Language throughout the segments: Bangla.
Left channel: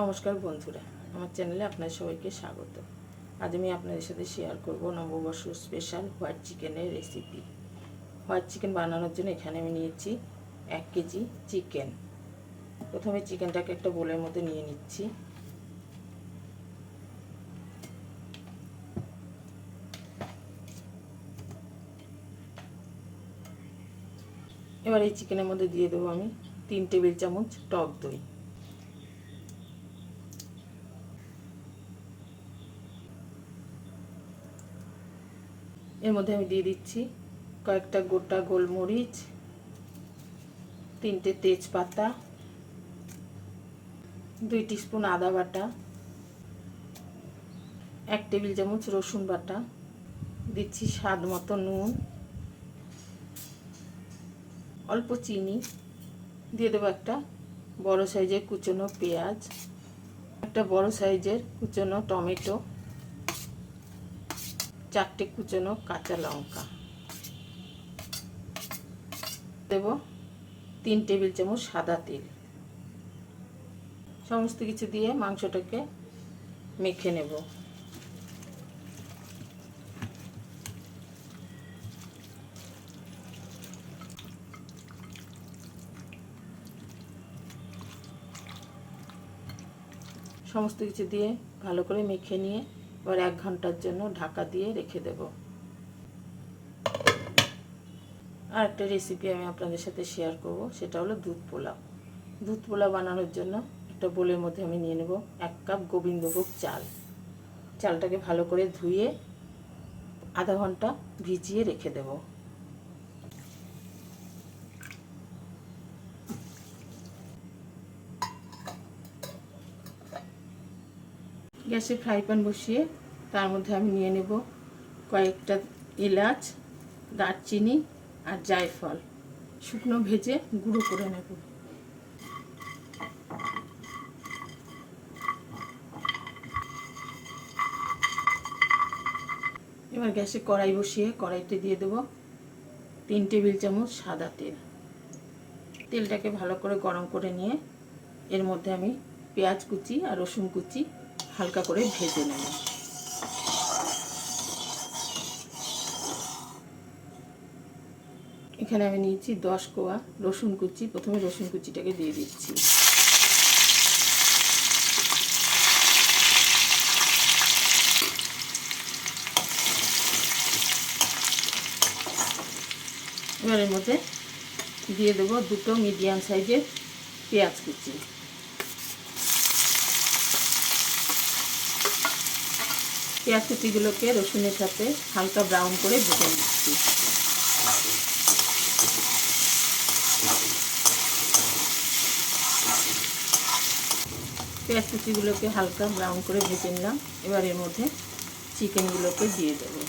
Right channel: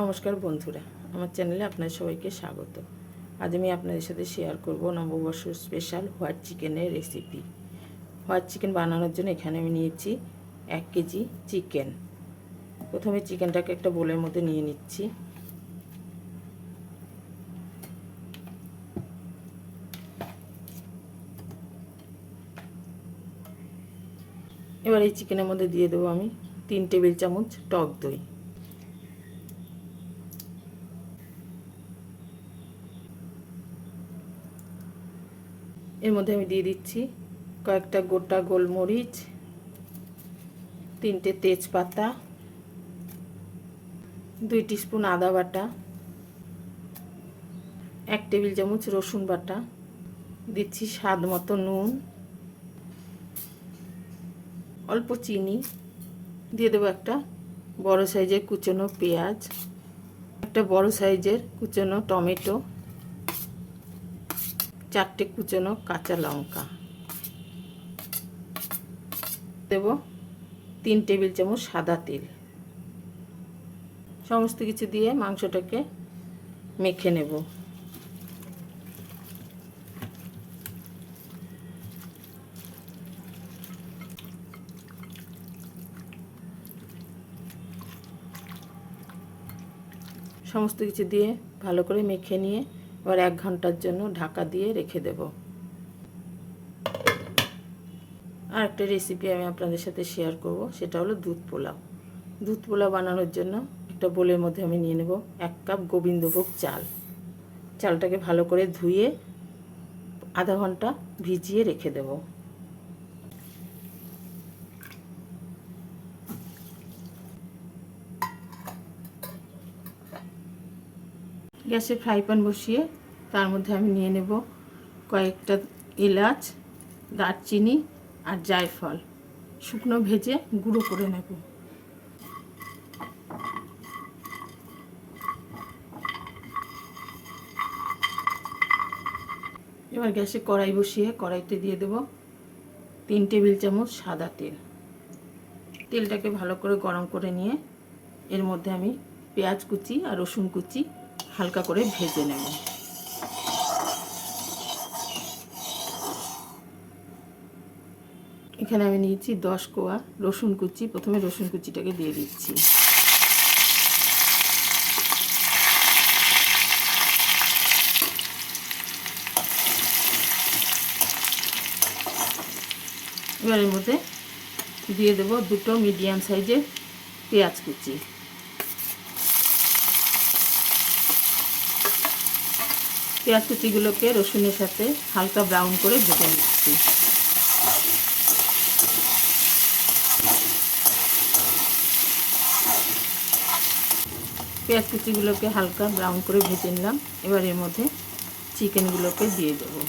নমস্কার বন্ধুরা, আমার চ্যানেলে আপনাদের সবাইকে স্বাগত। আজ আমি আপনাদের সাথে শেয়ার করব নববর্ষ স্পেশাল হোয়াইট চিকেনের রেসিপি হোয়াইট চিকেন বানানোর জন্য এখানে আমি নিয়েছি এক কেজি চিকেন প্রথমে চিকেনটাকে একটা বোলের মধ্যে নিয়ে নিচ্ছি। এবার এই চিকেনের মধ্যে দিয়ে দেবো আমি তিন টেবিল চামচ টক দই। এর মধ্যে আমি দিয়ে দিচ্ছি কয়েকটা গোটা গোলমরিচ, তিনটে তেজপাতা, দুই স্পুন আদা বাটা, এক টেবিল চামচ রসুন বাটা, দিচ্ছি স্বাদ মতো নুন, অল্প চিনি, দিয়ে দেবো একটা বড় সাইজের কুচনো পেঁয়াজ, একটা বড় সাইজের কুচনো টমেটো চারটে কুচনো কাঁচা লঙ্কা। দেব তিন টেবিল চামচ সাদা তেল। সমস্ত কিছু দিয়ে মাংসটাকে মেখে নেব। সমস্ত কিছু দিয়ে ভালো করে মেখে নিয়ে এবার এক ঘণ্টার জন্য ঢাকা দিয়ে রেখে দেব। আর একটা রেসিপি আমি আপনাদের সাথে শেয়ার করব, সেটা হলো দুধ পোলাও। দুধ পোলাও বানানোর জন্য একটা বোলের মধ্যে আমি নিয়ে নেব এক কাপ গোবিন্দভোগ চাল। চালটাকে ভালো করে ধুয়ে আধা ঘণ্টা ভিজিয়ে রেখে দেব। গ্যাসে ফ্রাই প্যান বসিয়ে তার মধ্যে আমি নিয়ে নেব কয়েকটা এলাচ, দারচিনি আর জায়ফল। শুকনো ভেজে গুঁড়ো করে নেব। এবার গ্যাসে কড়াই বসিয়ে কড়াইতে দিয়ে দেব তিন টেবিল চামচ সাদা তেল। তেলটাকে ভালো করে গরম করে নিয়ে এর মধ্যে আমি পেঁয়াজ কুচি আর রসুন কুচি হালকা করে ভেজে নেব। এখানে আমি নিয়েছি দশ কোয়া রসুন কুচি। প্রথমে রসুন কুচিটাকে দিয়ে দিচ্ছি। এবার এর মধ্যে দিয়ে দেবো দুটো মিডিয়াম সাইজের পেঁয়াজ কুচি। পেঁয়াজ কুচিগুলোকে রসুনের সাথে হালকা ব্রাউন করে ভেজে নিচ্ছি। পেঁয়াজ কুচিগুলোকে হালকা ব্রাউন করে ভেজে নিলাম। এবার এর মধ্যে চিকেনগুলোকে দিয়ে দেবো।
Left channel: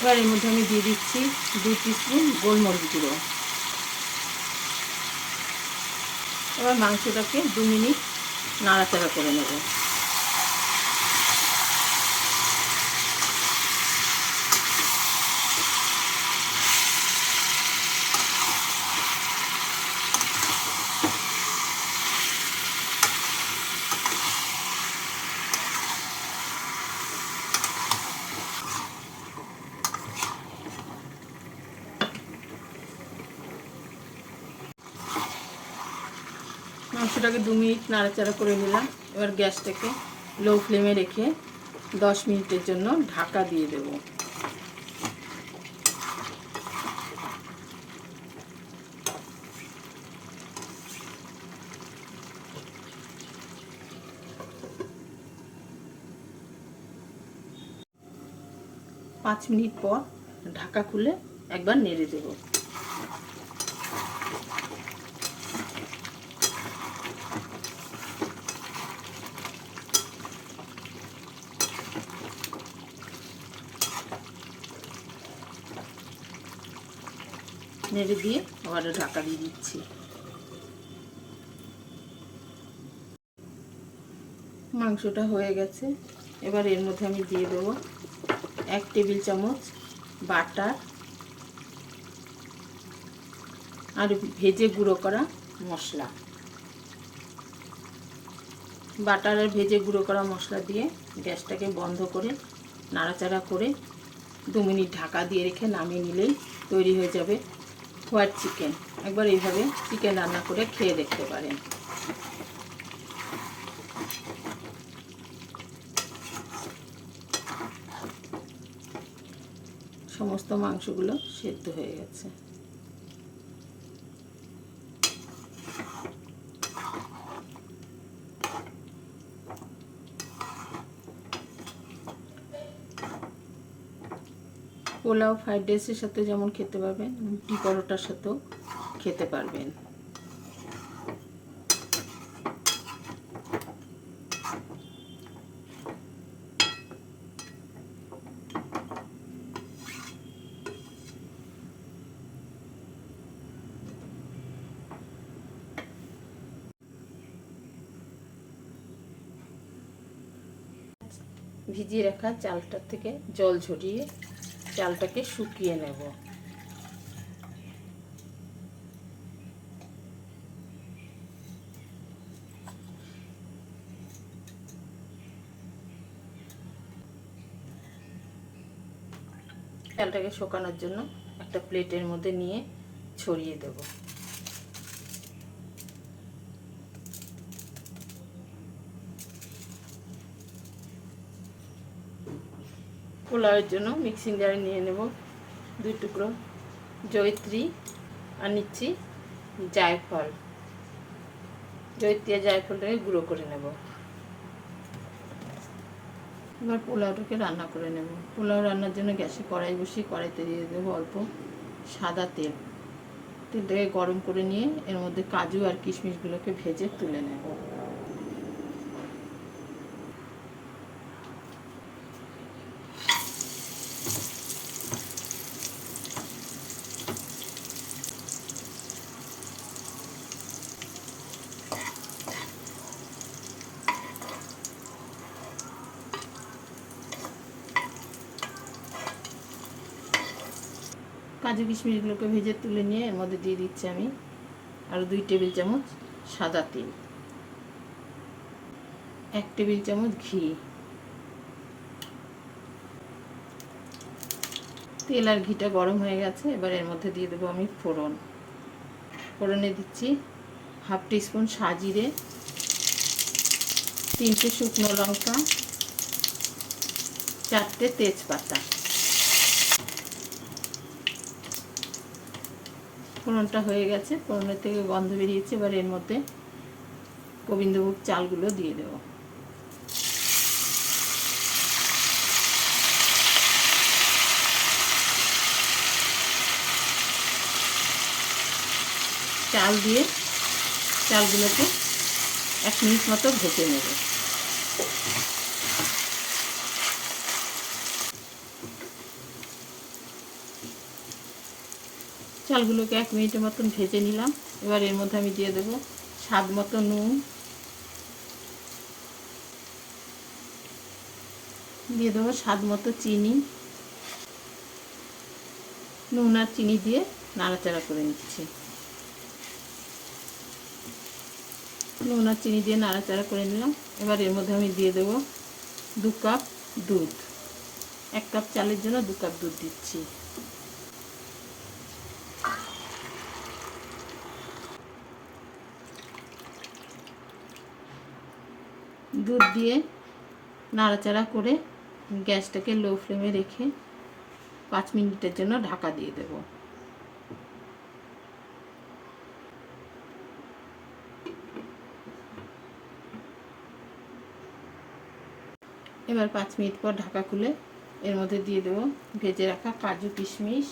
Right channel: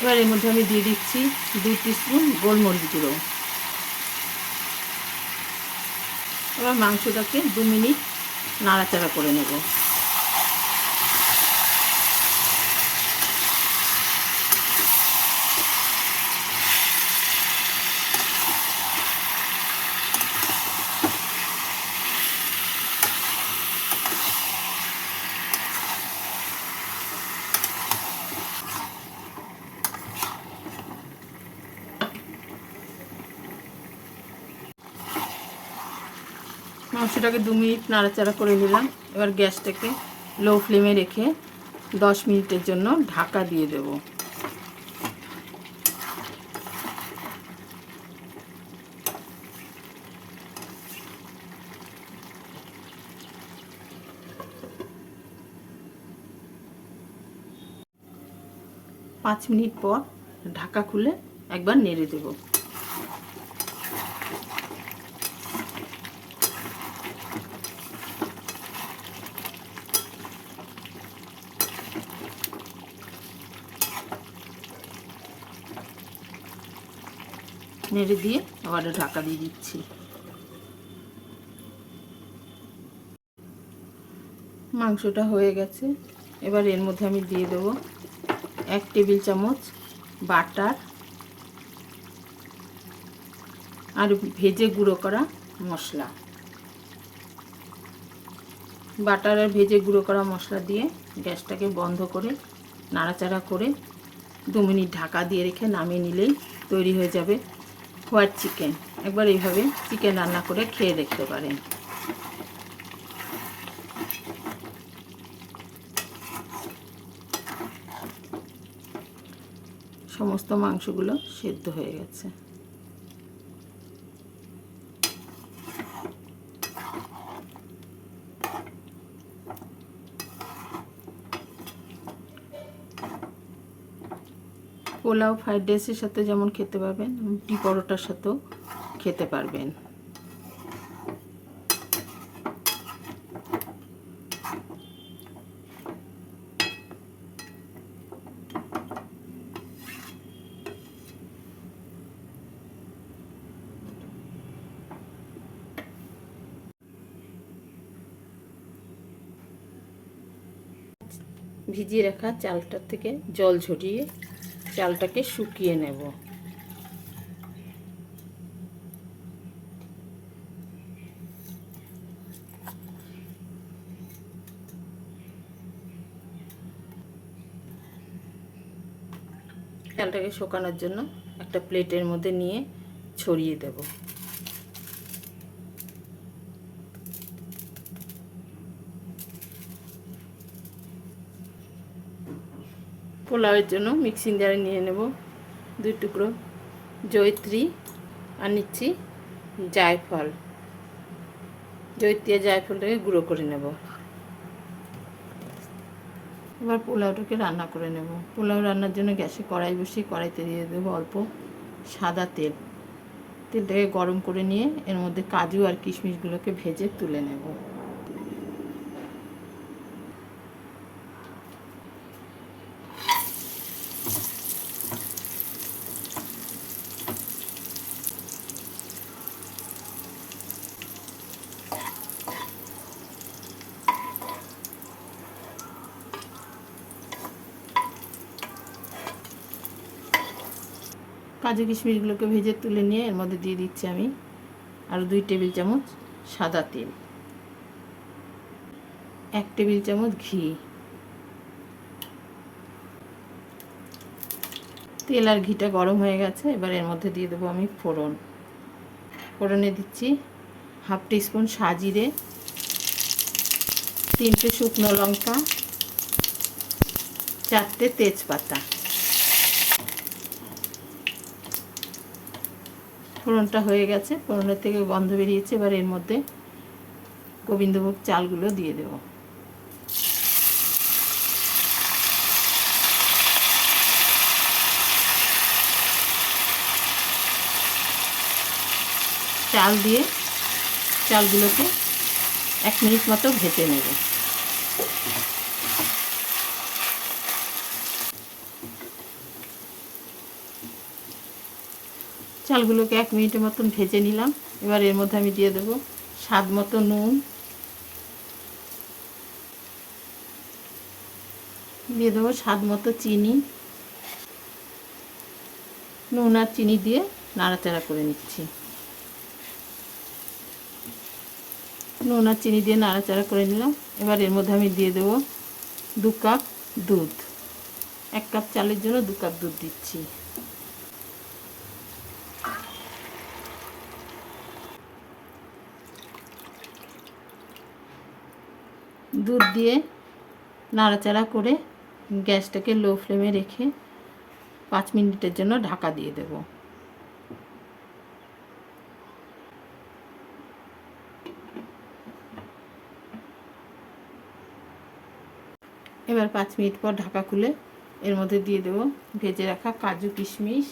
এবার এর মধ্যে আমি দিয়ে দিচ্ছি দুই টিস্পুন গোলমরিচ গুঁড়ো। এবার মাংসটাকে দু মিনিট নাড়াচাড়া করে নেব। মাংসটাকে দু মিনিট নাড়াচাড়া করে নিলাম। এবার গ্যাসটাকে লো ফ্লেমে রেখে দশ মিনিটের জন্য ঢাকা দিয়ে দেব। পাঁচ মিনিট পর ঢাকা খুলে একবার নেড়ে দেবো। নেড়ে দিয়ে আবার ঢাকা দিয়ে দিচ্ছি। মাংসটা হয়ে গেছে। এবার এর মধ্যে আমি দিয়ে দেবো এক টেবিল চামচ বাটার আর ভেজে গুঁড়ো করা মশলা। বাটার আর ভেজে গুঁড়ো করা মশলা দিয়ে গ্যাসটাকে বন্ধ করে নাড়াচাড়া করে দু মিনিট ঢাকা দিয়ে রেখে নামিয়ে নিলেই তৈরি হয়ে যাবে হোয়াইট চিকেন একবার এইভাবে চিকেন রান্না করে খেয়ে দেখতে পারেন। সমস্ত মাংসগুলো সেদ্ধ হয়ে গেছে। পোলাও ফ্রাইড রাইসের সাথে যেমন খেতে পারবেন, রুটি পরোটার সাথেও খেতে পারবেন। ভিজিয়ে রাখা চালটার থেকে জল ঝরিয়ে চালটাকে শুকিয়ে নেব। চালটাকে শুকানোর জন্য একটা প্লেটের মধ্যে নিয়ে ছড়িয়ে দেব। পোলাওয়ের জন্য মিক্সিং জারে নিয়ে নেব দুই টুকরো জয়ত্রী আর নিচ্ছি জায়ফল। জয়ত্রী আর জায়ফলটাকে গুঁড়ো করে নেব। এবার পোলাওটাকে রান্না করে নেব। পোলাও রান্নার জন্য গ্যাসে কড়াই বসিয়ে কড়াইতে দিয়ে দেবো অল্প সাদা তেল। তেলটাকে গরম করে নিয়ে এর মধ্যে কাজু আর কিশমিশগুলোকে ভেজে তুলে নেব। কাজু কিশমিশগুলোকে ভেজে তুলে নিয়ে এর মধ্যে দিয়ে দিচ্ছি আমি আরও দুই টেবিল চামচ সাদা তেল। এক টেবিল চামচ ঘি। তেল আর ঘিটা গরম হয়ে গেছে, এবার এর মধ্যে দিয়ে দেবো আমি ফোড়ন। ফোড়নে দিচ্ছি হাফ টিস্পুন সাজিরে, তিনটে শুকনো লঙ্কা, চারটে তেজপাতা। ফোড়নটা হয়ে গেছে, ফোড়নের থেকে গন্ধ বেরিয়েছে, এবার এর মধ্যে গোবিন্দভোগ চালগুলো দিয়ে দেব। চাল দিয়ে চালগুলোকে এক মিনিট মতো ভেজে নেব। চালগুলোকে এক মিনিটের মতন ভেজে নিলাম। এবার এর মধ্যে আমি দিয়ে দেবো স্বাদ মতো নুন। দিয়ে দেবো স্বাদ মতো চিনি। নুন আর চিনি দিয়ে নাড়াচাড়া করে নিচ্ছি। নুন আর চিনি দিয়ে নাড়াচাড়া করে নিলাম। এবার এর মধ্যে আমি দিয়ে দেবো দু কাপ দুধ। এক কাপ চালের জন্য দু কাপ দুধ দিচ্ছি। দুধ দিয়ে নাড়াচাড়া করে গ্যাসটাকে লো ফ্লেমে রেখে পাঁচ মিনিটের জন্য ঢাকা দিয়ে দেব। এবার পাঁচ মিনিট পর ঢাকা খুলে এর মধ্যে দিয়ে দেবো ভেজে রাখা কাজু কিশমিশ।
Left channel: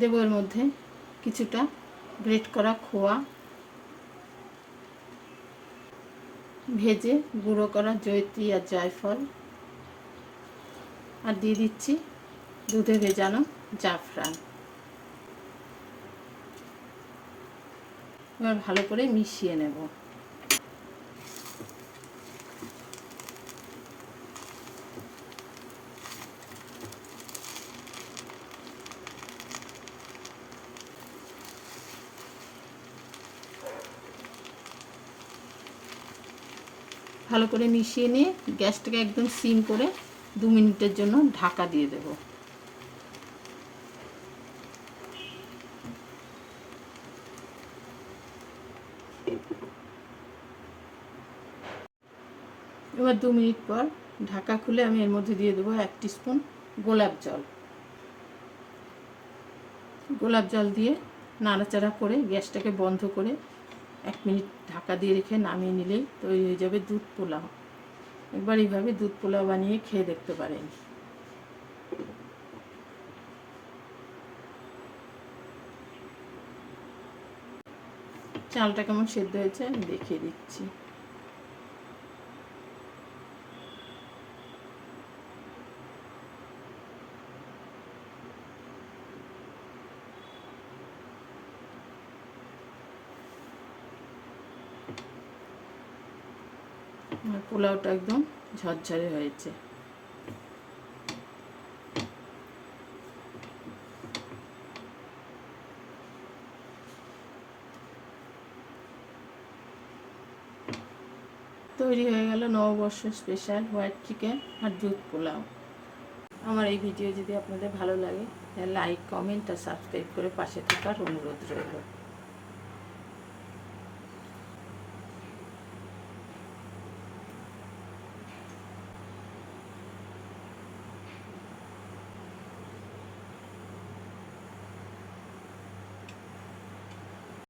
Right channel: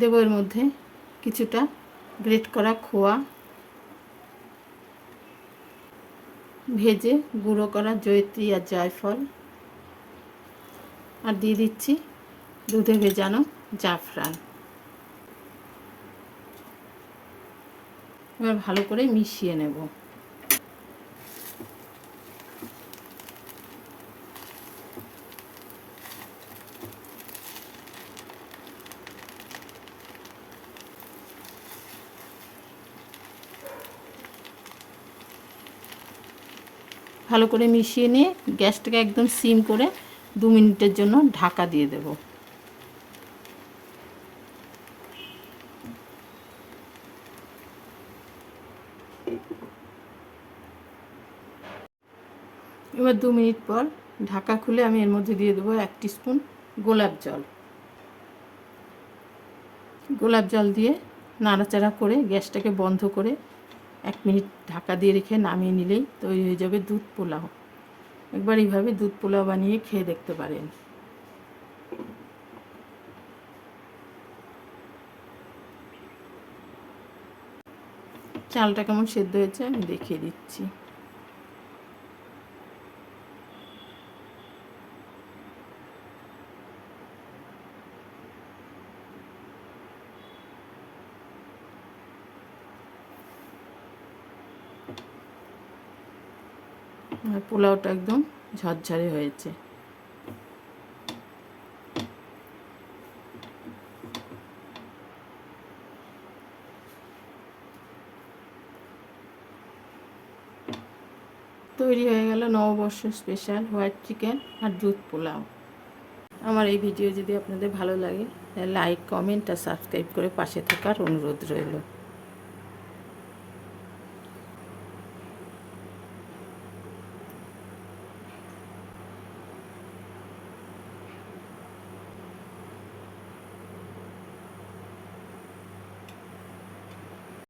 দেবো এর মধ্যে কিছুটা গ্রেট করা খোয়া ভেজে গুঁড়ো করা জয়ত্রী আর জয়ফল। আর দিয়ে দিচ্ছি দুধে ভেজানো জাফরান। এবার ভালো করে মিশিয়ে নেব। ভালো করে মিশিয়ে নিয়ে গ্যাসটাকে একদম সিম করে দু মিনিটের জন্য ঢাকা দিয়ে দেব। এবার দু মিনিট পর ঢাকা খুলে আমি এর মধ্যে দিয়ে দেবো এক স্পুন গোলাপ জল। গোলাপ জল দিয়ে নাড়াচাড়া করে গ্যাসটাকে বন্ধ করে এক মিনিট ঢাকা দিয়ে রেখে নামিয়ে নিলেই তৈরি হয়ে যাবে দুধ পোলাও। একবার এইভাবে দুধ পোলাও বানিয়ে খেয়ে দেখতে পারেন। চালটা কেমন সেদ্ধ হয়েছে আমি দেখিয়ে দিচ্ছি। পোলাওটা একদম ঝরঝরে হয়েছে। তৈরি হয়ে গেল নববর্ষ স্পেশাল হোয়াইট চিকেন আর দুধ পোলাও। আমার এই ভিডিও যদি আপনাদের ভালো লাগে, তাহলে লাইক কমেন্ট আর সাবস্ক্রাইব করে পাশে থাকার অনুরোধ রইল।